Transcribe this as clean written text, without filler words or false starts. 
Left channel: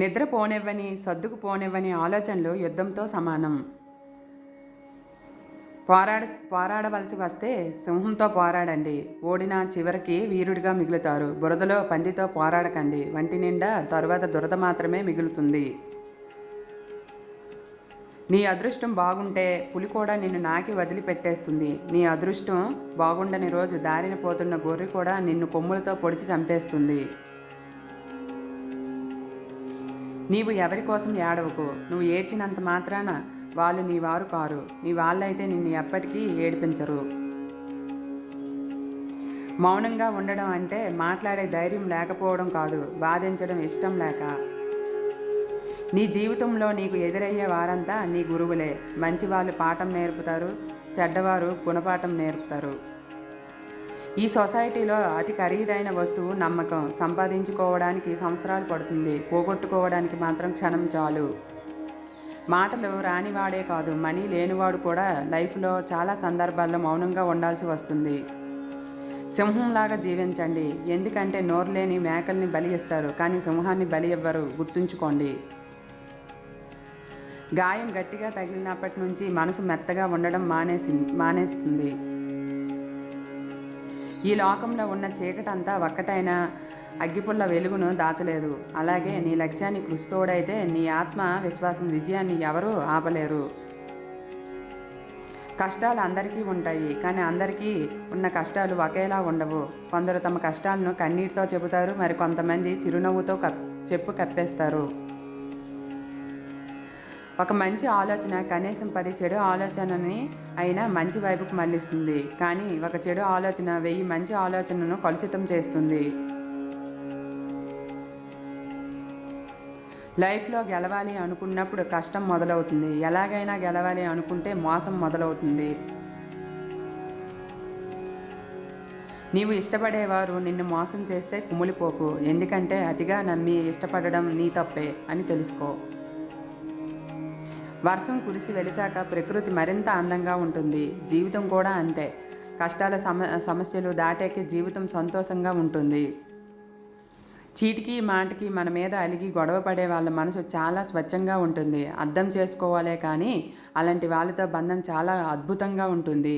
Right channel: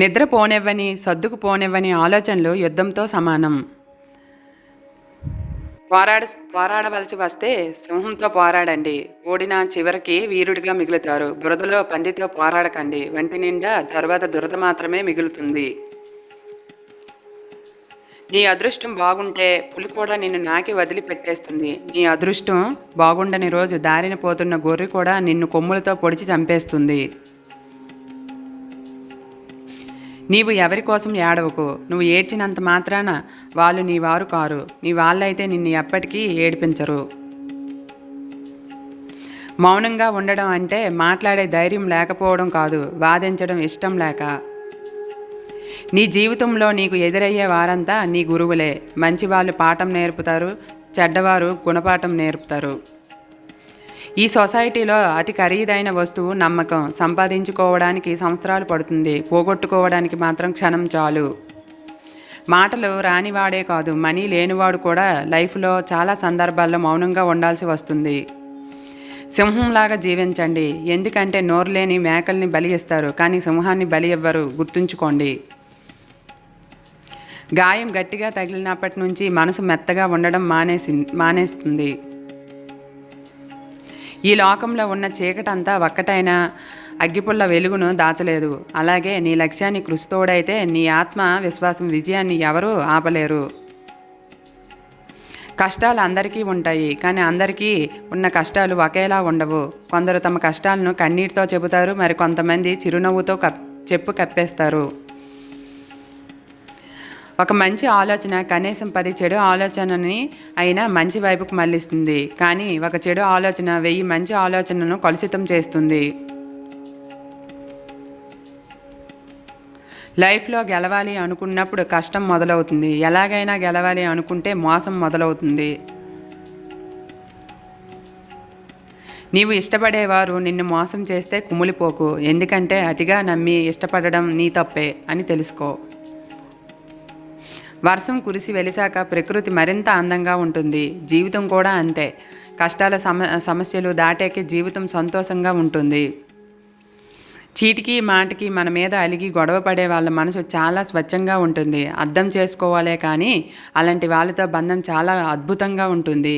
నిద్ర పోనివ్వని, సర్దుకు పోనివ్వని ఆలోచనలు యుద్ధంతో సమానం. పోరాడవలసి వస్తే సింహంతో పోరాడండి. ఓడినా చివరికి వీరుడిగా మిగులుతారు. బురదలో పందితో పోరాడకండి. వంటి నిండా తరువాత దురద మాత్రమే మిగులుతుంది. నీ అదృష్టం బాగుంటే పులి కూడా నిన్ను నాకి వదిలిపెట్టేస్తుంది. నీ అదృష్టం బాగుండని రోజు దారిన పోతున్న గొర్రె కూడా నిన్ను కొమ్ములతో పొడిచి చంపేస్తుంది. నీవు ఎవరి కోసం ఏడవకు. నువ్వు ఏడ్చినంత మాత్రాన వాళ్ళు నీ వారు కారు. నీ వాళ్ళైతే నిన్ను ఎప్పటికీ ఏడిపించరు. మౌనంగా ఉండడం అంటే మాట్లాడే ధైర్యం లేకపోవడం కాదు, వాదించడం ఇష్టం లేక. నీ జీవితంలో నీకు ఎదురయ్యే వారంతా నీ గురువులే. మంచివాళ్ళు పాఠం నేర్పుతారు, చెడ్డవారు గుణపాఠం నేర్పుతారు. ఈ సొసైటీలో అతి ఖరీదైన వస్తువు నమ్మకం. సంపాదించుకోవడానికి సంవత్సరాలు పడుతుంది, పోగొట్టుకోవడానికి మాత్రం క్షణం చాలు. మాటలు రానివాడే కాదు, మనీ లేనివాడు కూడా లైఫ్లో చాలా సందర్భాల్లో మౌనంగా ఉండాల్సి వస్తుంది. సింహంలాగా జీవించండి. ఎందుకంటే నోరు లేని మేకల్ని బలి ఇస్తారు, కానీ సింహాన్ని బలి ఇవ్వరు. గుర్తుంచుకోండి. గాయం గట్టిగా తగిలినప్పటి నుంచి మనసు మెత్తగా ఉండడం మానేస్తుంది. ఈ లోకంలో ఉన్న చీకటంతా ఒక్కటైన అగ్గిపుల్ల వెలుగును దాచలేదు. అలాగే నీ లక్ష్యాన్ని కృషితోడైతే నీ ఆత్మ విశ్వాసం విజయాన్ని ఎవరూ ఆపలేరు. కష్టాలు అందరికీ ఉంటాయి, కానీ అందరికీ ఉన్న కష్టాలు ఒకేలా ఉండవు. కొందరు తమ కష్టాలను కన్నీటితో చెబుతారు, మరి కొంతమంది చిరునవ్వుతో కప్పేస్తారు. ఒక మంచి ఆలోచన కనీసం 10 చెడు ఆలోచనని అయినా మంచి వైపుకు మళ్ళిస్తుంది. కానీ ఒక చెడు ఆలోచన 1000 మంచి ఆలోచనను కలుషితం చేస్తుంది. లైఫ్లో గెలవాలి అనుకున్నప్పుడు కష్టం మొదలవుతుంది. ఎలాగైనా గెలవాలి అనుకుంటే మోసం మొదలవుతుంది. నీవు ఇష్టపడేవారు నిన్ను మోసం చేస్తే కుమిలిపోకు. ఎందుకంటే అతిగా నమ్మి ఇష్టపడడం నీ తప్పే అని తెలుసుకో. వర్షం కురిసి వెలిసాక ప్రకృతి మరింత అందంగా ఉంటుంది. జీవితం కూడా అంతే. కష్టాల సమస్యలు దాటాకే జీవితం సంతోషంగా ఉంటుంది. చీటికి మాటికి మన మీద అలిగి గొడవ పడే వాళ్ళ మనసు చాలా స్వచ్ఛంగా ఉంటుంది. అర్థం చేసుకోవాలే కానీ అలాంటి వాళ్ళతో బంధం చాలా అద్భుతంగా ఉంటుంది.